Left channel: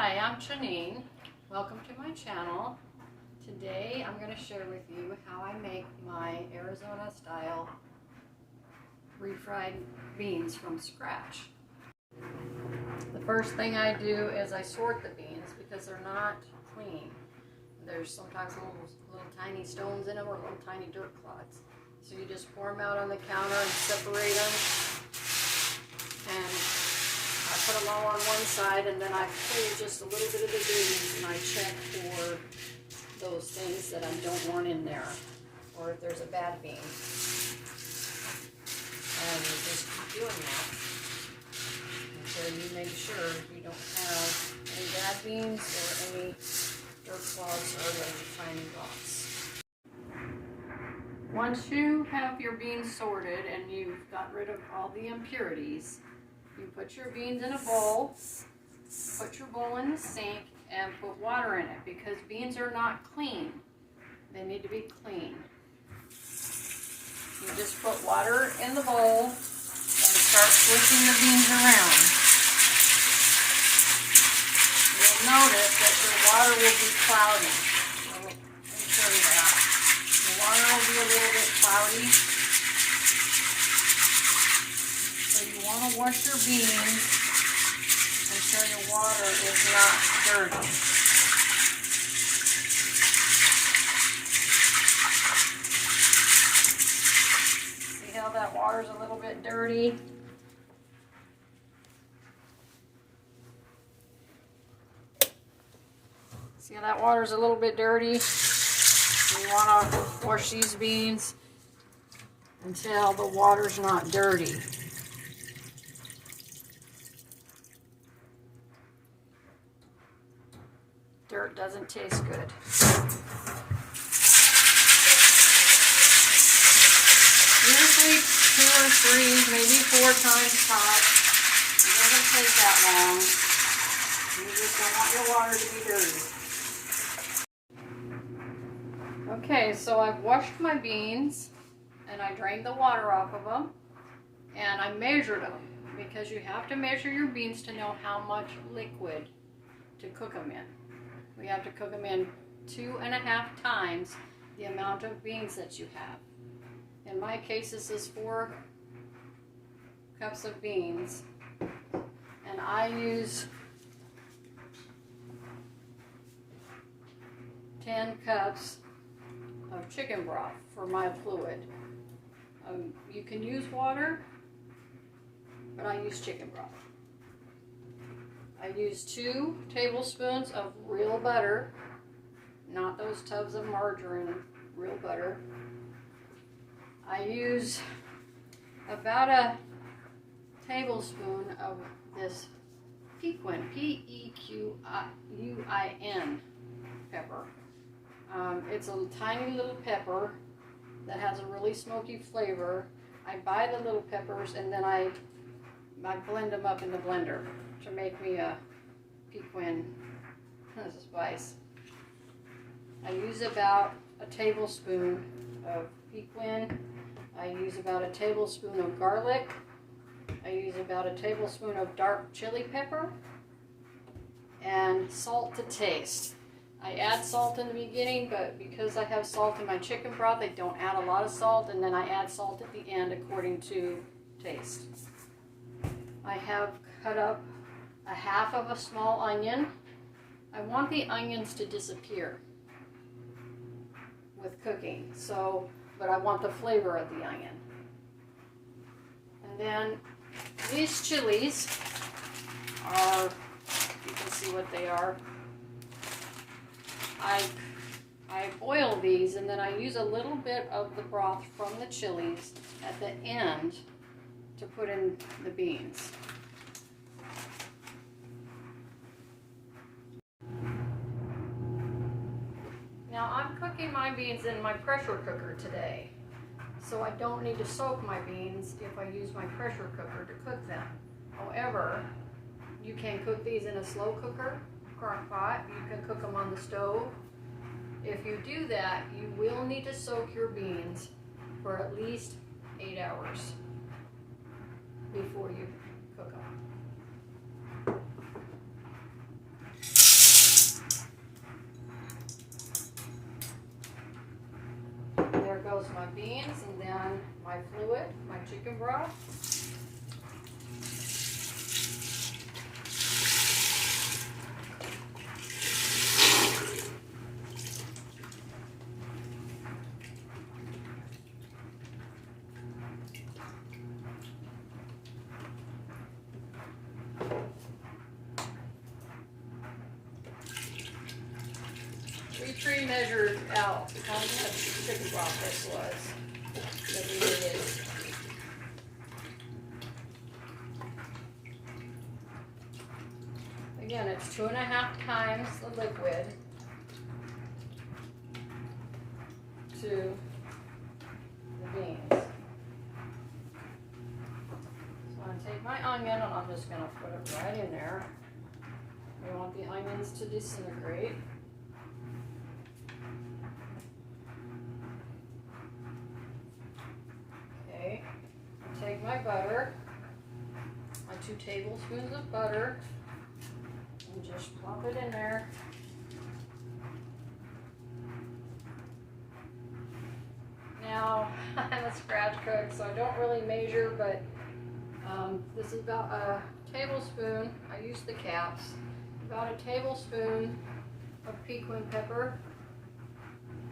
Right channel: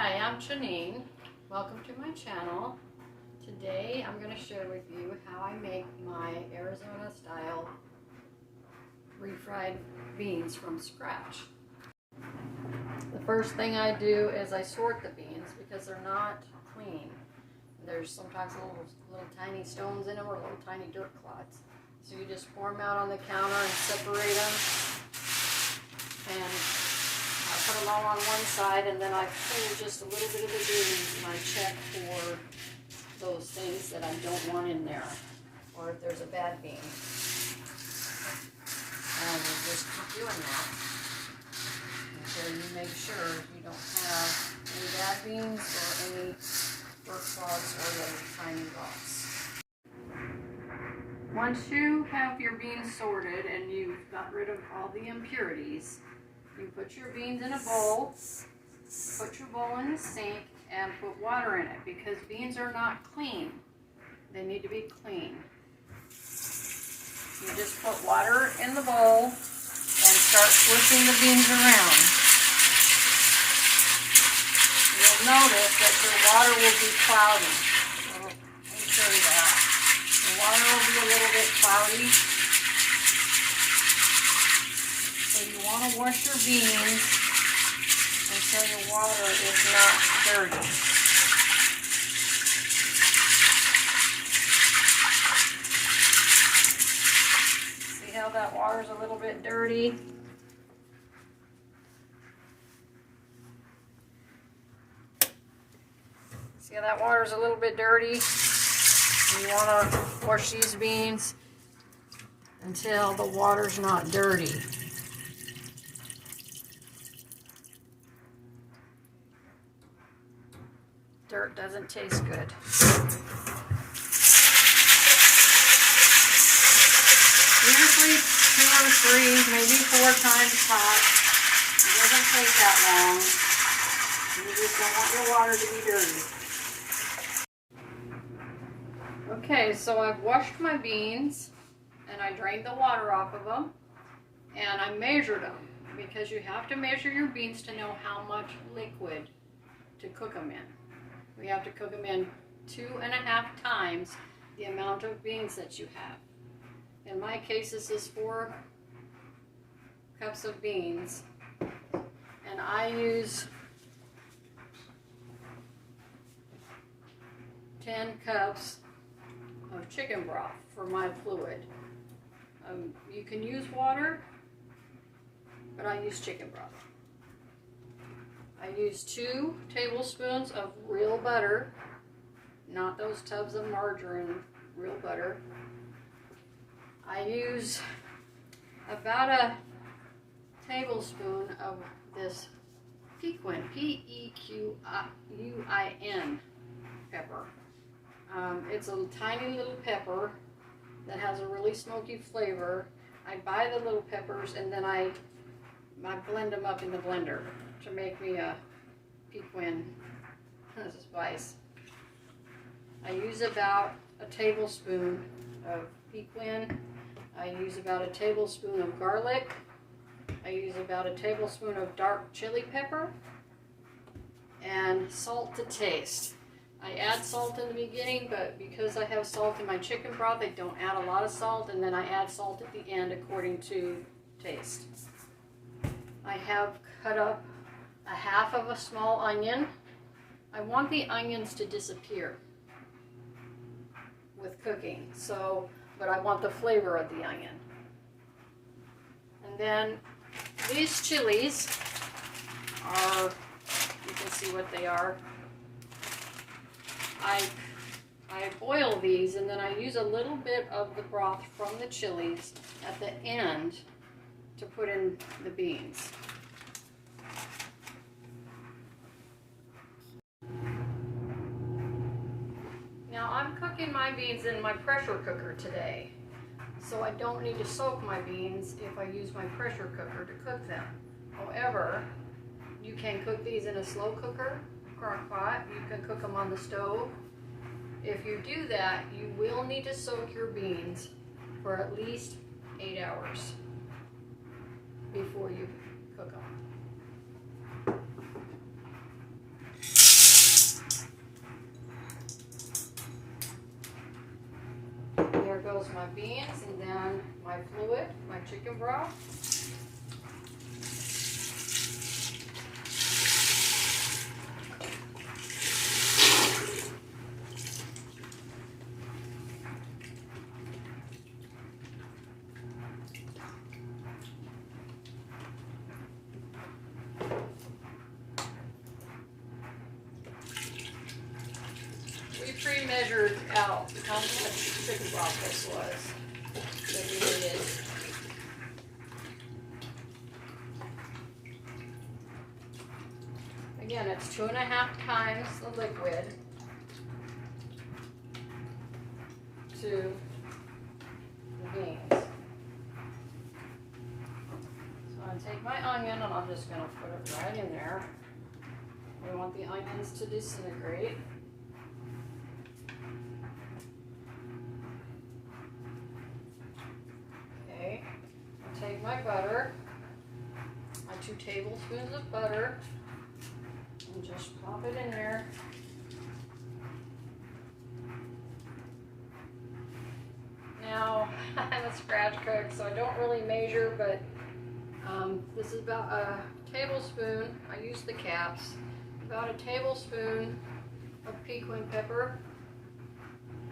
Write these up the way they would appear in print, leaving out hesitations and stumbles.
Hi, I'm Janine. Welcome to my channel. Today I'm going to share with you how I make my Arizona style refried beans from scratch. The first thing I do is I sort the beans because they're not clean. There's sometimes little tiny stones in them or little tiny dirt clods. So you just pour them out on the counter and separate them. And I put them all on one side, and then I pull just a little bit of the beans and I check for those things that I don't want in there, or if there's a bad bean. And you just keep doing that until you make sure you don't have any bad beans or any dirt clods or those tiny rocks. Once you have your beans sorted and you've got rid of all the impurities, you put your beans in a bowl, put your bowl in the sink, and put water in it because beans are not clean. They need to be clean. You just put water in the bowl and start swishing the beans around. You'll notice that your water will be cloudy. So let me show you that. The water will be a little bit cloudy. So you want to wash your beans until your water is not dirty. See how that water's a little bit dirty? See how that water's a little bit dirty? You want to wash these beans until the water's not dirty. Dirt doesn't taste good. Usually 2 or 3, maybe 4 times hot. It doesn't take that long. You just don't want your water to be dirty. Okay, so I've washed my beans and I drained the water off of them and I measured them because you have to measure your beans to know how much liquid to cook them in. We have to cook them in 2.5 times the amount of beans that you have. In my case, this is 4 cups of beans, and I use 10 cups of chicken broth for my fluid. You can use water, but I use chicken broth. I use 2 tablespoons of real butter, not those tubs of margarine, real butter. I use about a tablespoon of this cumin, P-E-Q-U-I-N pepper. It's a tiny little pepper that has a really smoky flavor. I buy the little peppers and then I blend them up in the blender to make me a piquin spice. I use about a tablespoon of piquin. I use about a tablespoon of garlic. I use about a tablespoon of dark chili pepper and salt to taste. I add salt in the beginning, but because I have salt in my chicken broth, I don't add a lot of salt, and then I add salt at the end according to taste. I have cut up a half of a small onion. I want the onions to disappear with cooking, but I want the flavor of the onion. And then these chilies are, you can see what they are. I boil these and then I use a little bit of the broth from the chilies at the end to put in the beans. Now I'm cooking my beans in my pressure cooker today, so I don't need to soak my beans if I use my pressure cooker to cook them. However, you can cook these in a slow cooker, crock pot. You can cook them on the stove. If you do that, you will need to soak your beans for at least 8 hours before you cook them. my beans and then my fluid, my chicken broth. We pre-measured out how much chicken broth this was that we needed. Again, it's 2.5 times the liquid to the beans. So I'm going to take my onion and I'm just going to put it right in there. We want the onions to disintegrate. Okay, I'll take my butter, my 2 tablespoons of butter, and just plop it in there. Now, I'm a scratch cook, so I don't really measure, but this is about a tablespoon. I use the caps. About a tablespoon of cumin pepper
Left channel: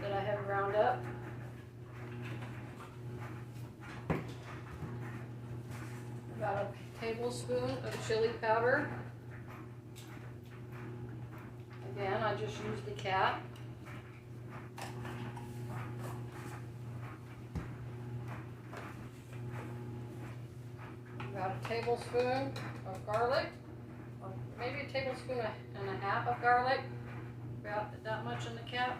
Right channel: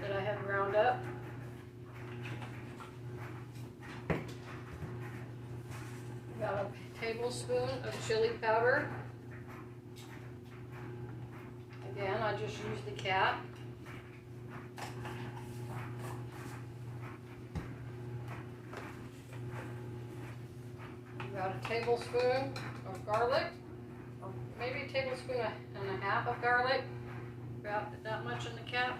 that I have ground up. About a tablespoon of chili powder. Again, I just use the cap. About a tablespoon of garlic, or maybe a tablespoon and a half of garlic. About that much in the cap.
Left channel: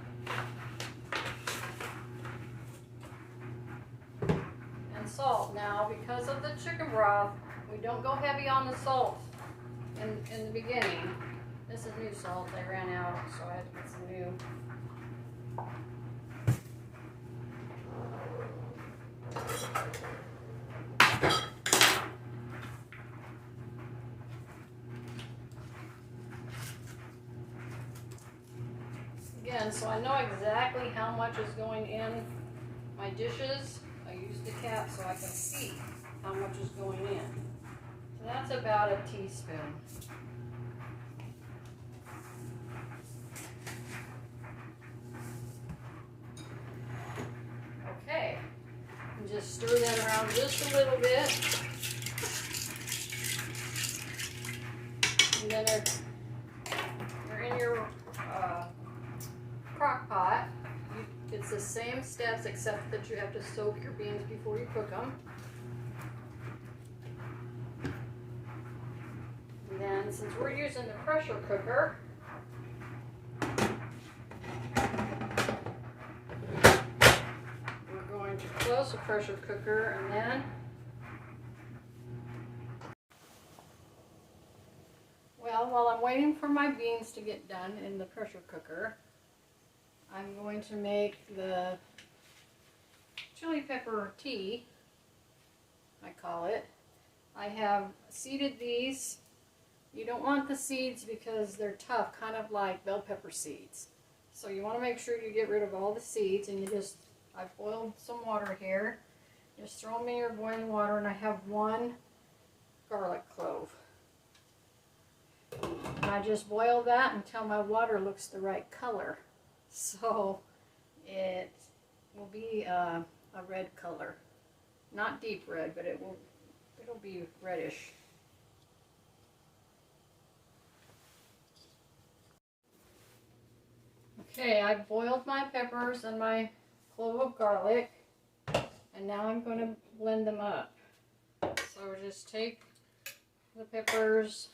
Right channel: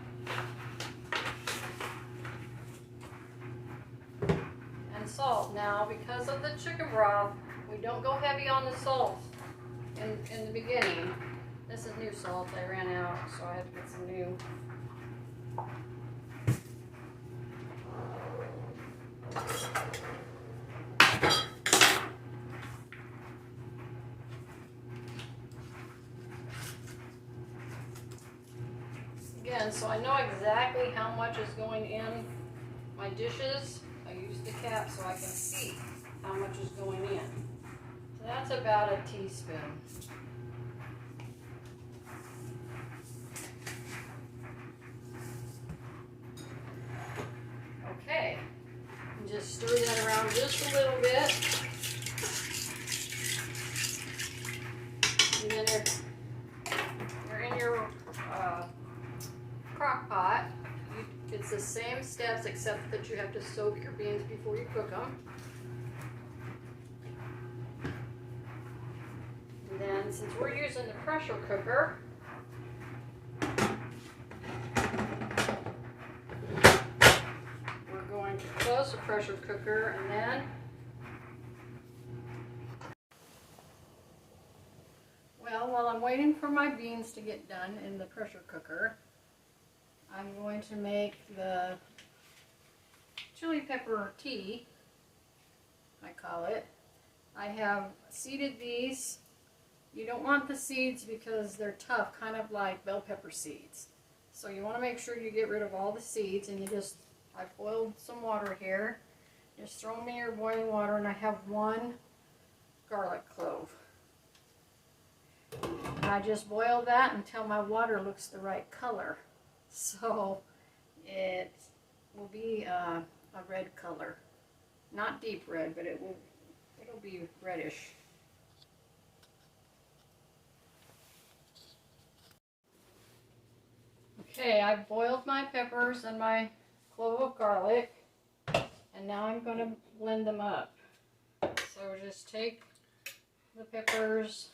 And salt. Now, because of the chicken broth, we don't go heavy on the salt in the beginning. This is new salt. I ran out, so I had to get some new. Again, so I know exactly how much is going in my dishes. I use the cap so I can see how much is going in. So that's about a teaspoon. Okay, and just stir that around just a little bit. And then you're in your crock pot. It's the same steps except that you have to soak your beans before you cook them. And then since we're using the pressure cooker, we're going to close the pressure cooker and then while I'm waiting for my beans to get done in the pressure cooker, I'm going to make the chili pepper tea, I call it. I have seeded these. You don't want the seeds because they're tough, kind of like bell pepper seeds. So you want to make sure you get rid of all the seeds, and I've boiled some water here. Just throw them in your boiling water, and I have 1 garlic clove. And I just boil that until my water looks the right color. So it will be a red color. Not deep red, but it'll be reddish. Okay, I've boiled my peppers and my clove of garlic, and now I'm going to blend them up. So just take the peppers,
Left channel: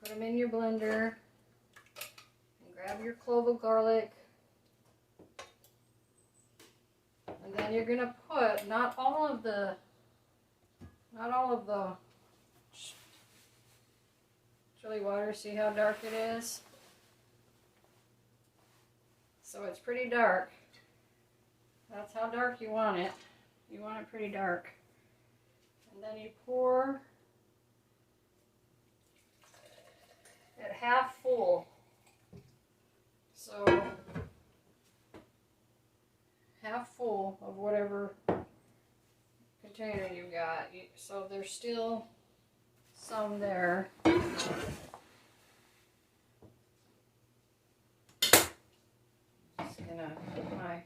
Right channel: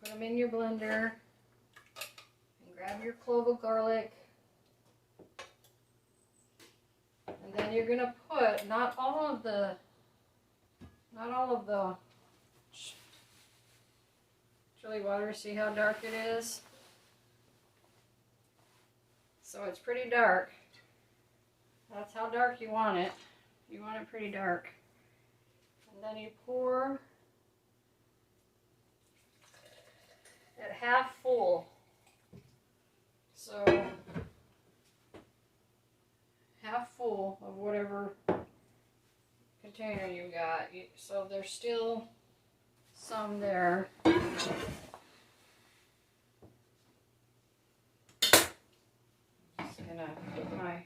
put them in your blender, and grab your clove of garlic, and then you're going to put not all of the chili water. See how dark it is? So it's pretty dark. That's how dark you want it. You want it pretty dark. And then you pour at half full. So half full of whatever container you got. So there's still some there. Just gonna put my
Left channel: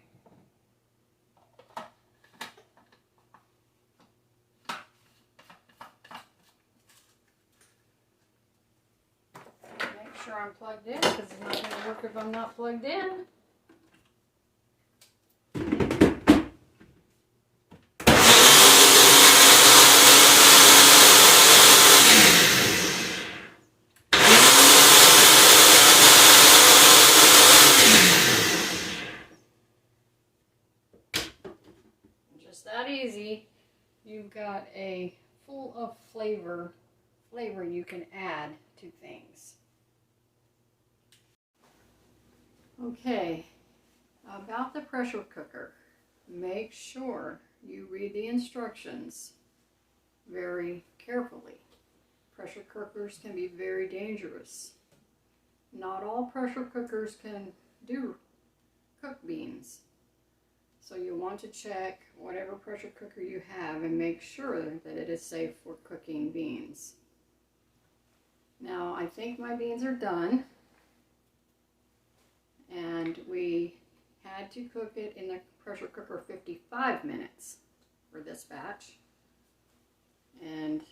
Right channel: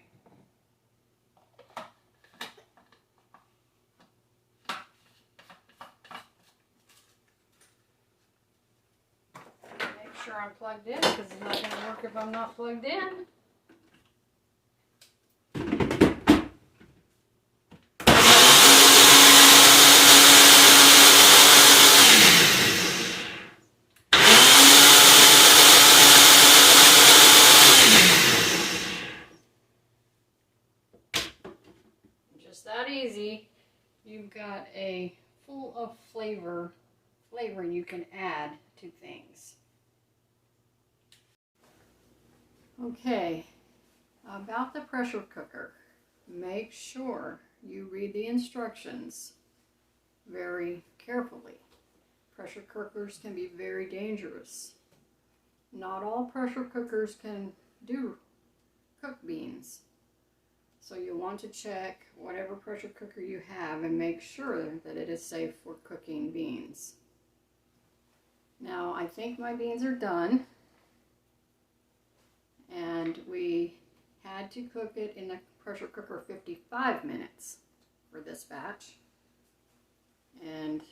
make sure I'm plugged in, because it's not gonna work if I'm not plugged in. That easy. You've got a full of flavor you can add to things. Okay, about the pressure cooker, make sure you read the instructions very carefully. Pressure cookers can be very dangerous. Not all pressure cookers can cook beans. So you want to check whatever pressure cooker you have and make sure that it is safe for cooking beans. Now I think my beans are done, and we had to cook it in the pressure cooker 55 minutes for this batch. And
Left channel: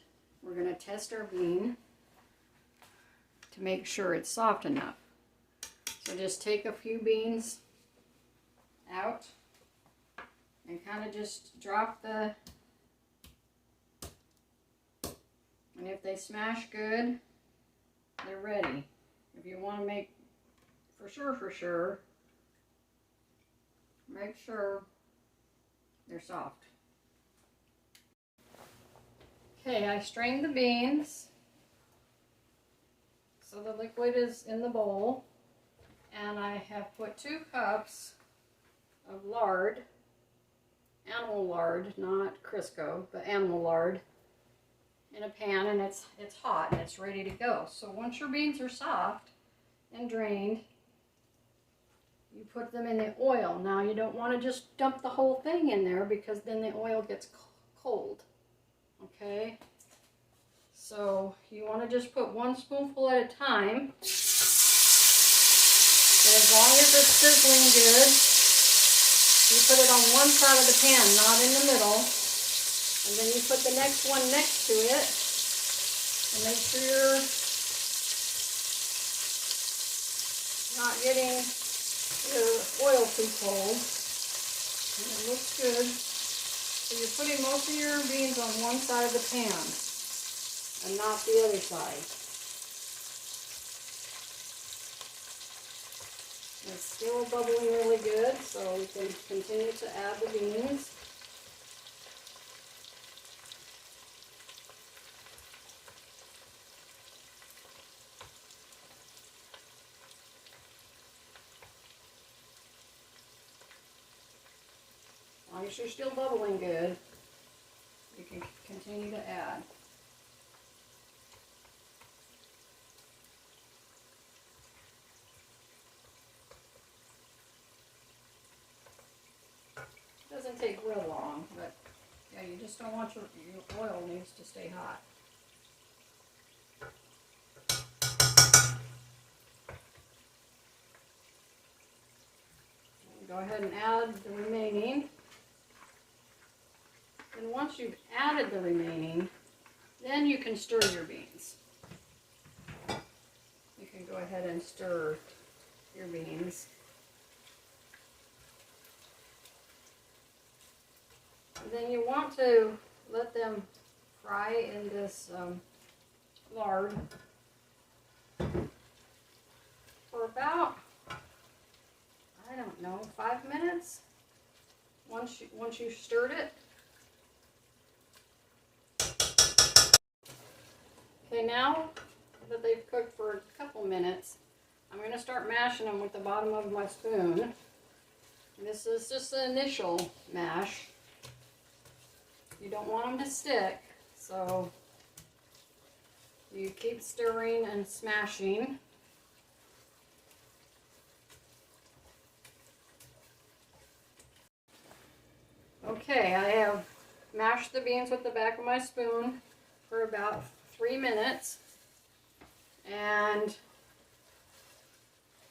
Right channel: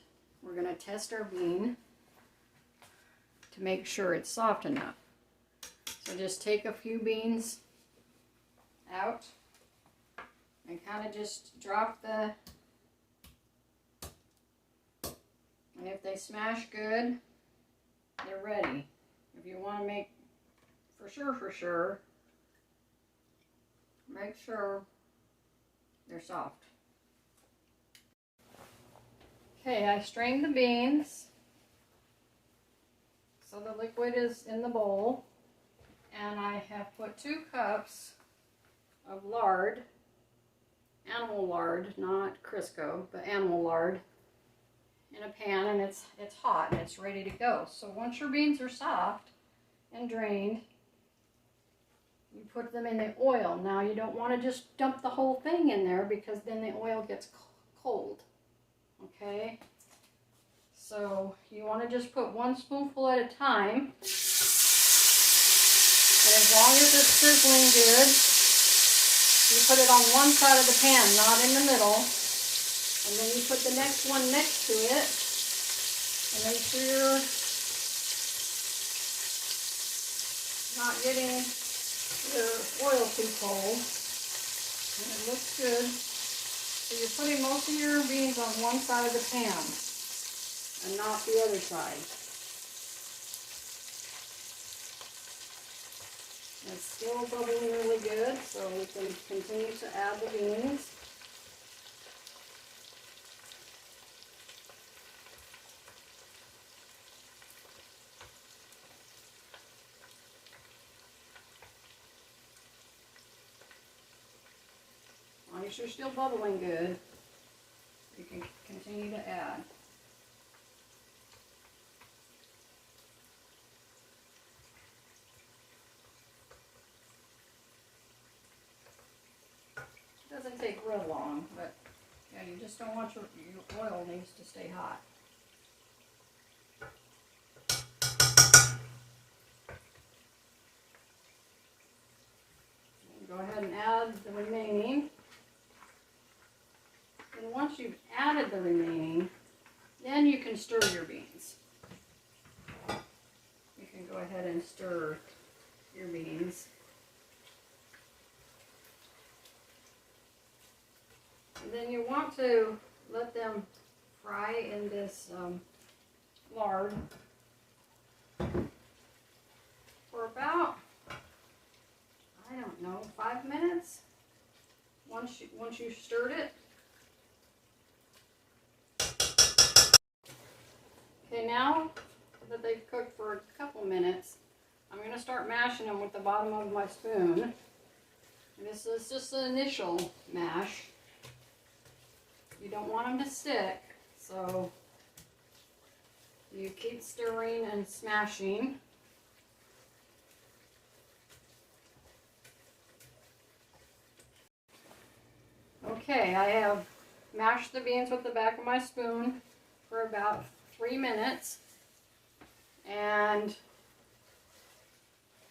we're going to test our bean to make sure it's soft enough. So just take a few beans out and kind of just drop and if they smash good, they're ready. If you want to make for sure, make sure they're soft. Okay, I strained the beans so the liquid is in the bowl, and I have put 2 cups of lard, animal lard, not Crisco, but animal lard, in a pan, and it's hot and it's ready to go. So once your beans are soft and drained, you put them in the oil. Now you don't want to just dump the whole thing in there, because then the oil gets cold. Okay? So you want to just put 1 spoonful at a time. And as long as it's sizzling good, you put it on one side of the pan, not in the middle. And then you put the next one next to it. And make sure you're not getting your oil too cold. And it looks good. So you're putting most of your beans on one side of the pan and not the other side. It's still bubbling really good, so we can continue to add the beans. As long as you're still bubbling good, you can continue to add. Doesn't take real long, but yeah, you just don't want your oil needs to stay hot. Go ahead and add the remaining. And once you've added the remaining, then you can stir your beans. You can go ahead and stir your beans. And then you want to let them fry in this lard for about, I don't know, 5 minutes. Once you stirred it. Okay, now that they've cooked for a couple minutes, I'm going to start mashing them with the bottom of my spoon. And this is just the initial mash. You don't want them to stick, so So you keep stirring and smashing. Okay, I have mashed the beans with the back of my spoon for about 3 minutes. And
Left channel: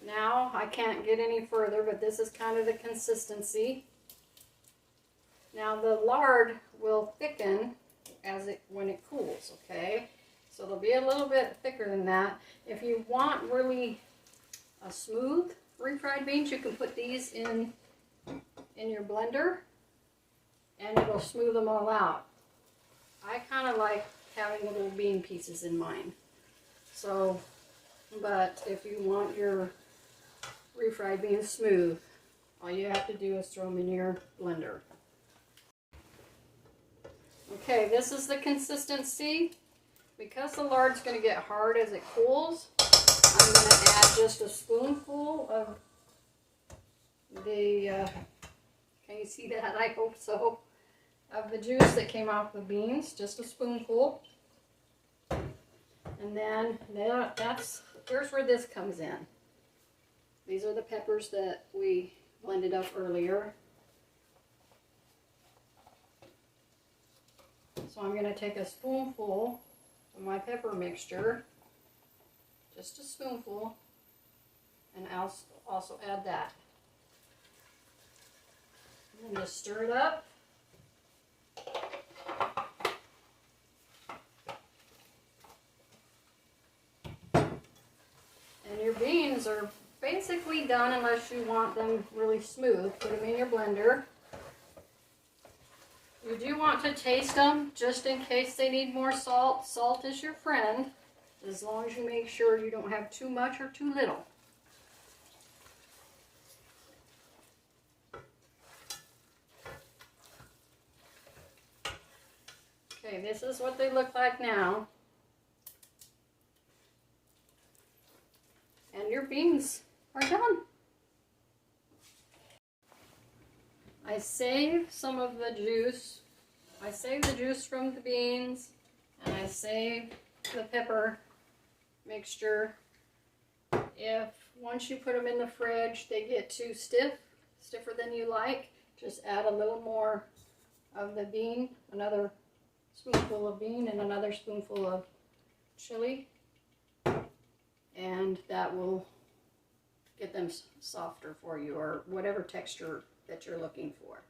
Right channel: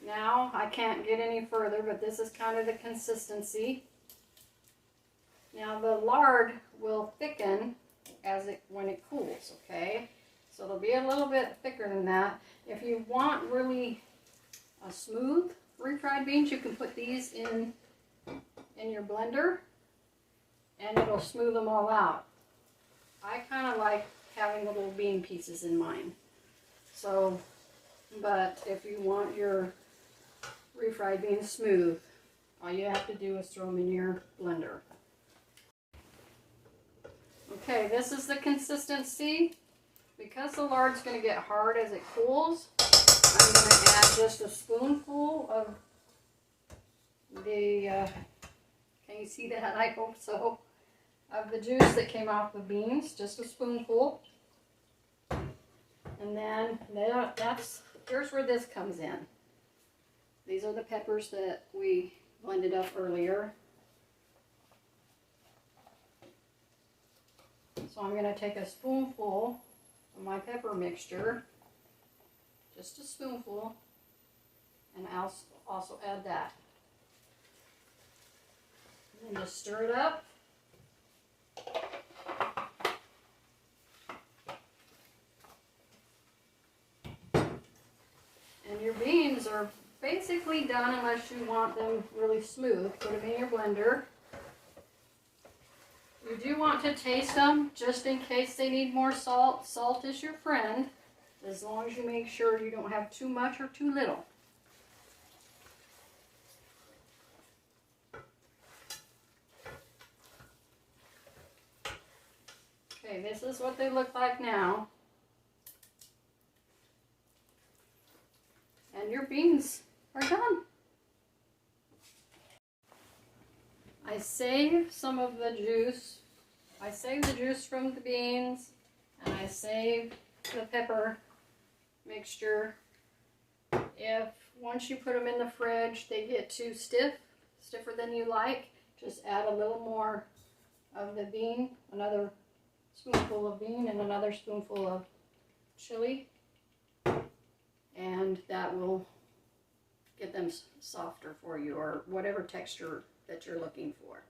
now I can't get any further, but this is kind of the consistency. Now the lard will thicken when it cools, okay? So it'll be a little bit thicker than that. If you want really a smooth refried beans, you can put these in your blender and it'll smooth them all out. I kind of like having the little bean pieces in mine. So, but if you want your refried beans smooth, all you have to do is throw them in your blender. Okay, this is the consistency. Because the lard's going to get hard as it cools, I'm going to add just a spoonful of the, can you see that? I hope so. Of the juice that came off the beans, just a spoonful. And then here's where this comes in. These are the peppers that we blended up earlier. So I'm going to take a spoonful of my pepper mixture, just a spoonful, and I'll also add that. And then just stir it up. And your beans are basically done unless you want them really smooth. Put them in your blender. You do want to taste them just in case they need more salt. Salt is your friend, as long as you make sure you don't have too much or too little. Okay, this is what they look like now. And your beans are done. I save some of the juice. I save the juice from the beans, and I save the pepper mixture. If once you put them in the fridge, they get too stiff, stiffer than you like, just add a little more of the bean, another spoonful of bean and another spoonful of chili, and that will get them softer for you, or whatever texture that you're looking for.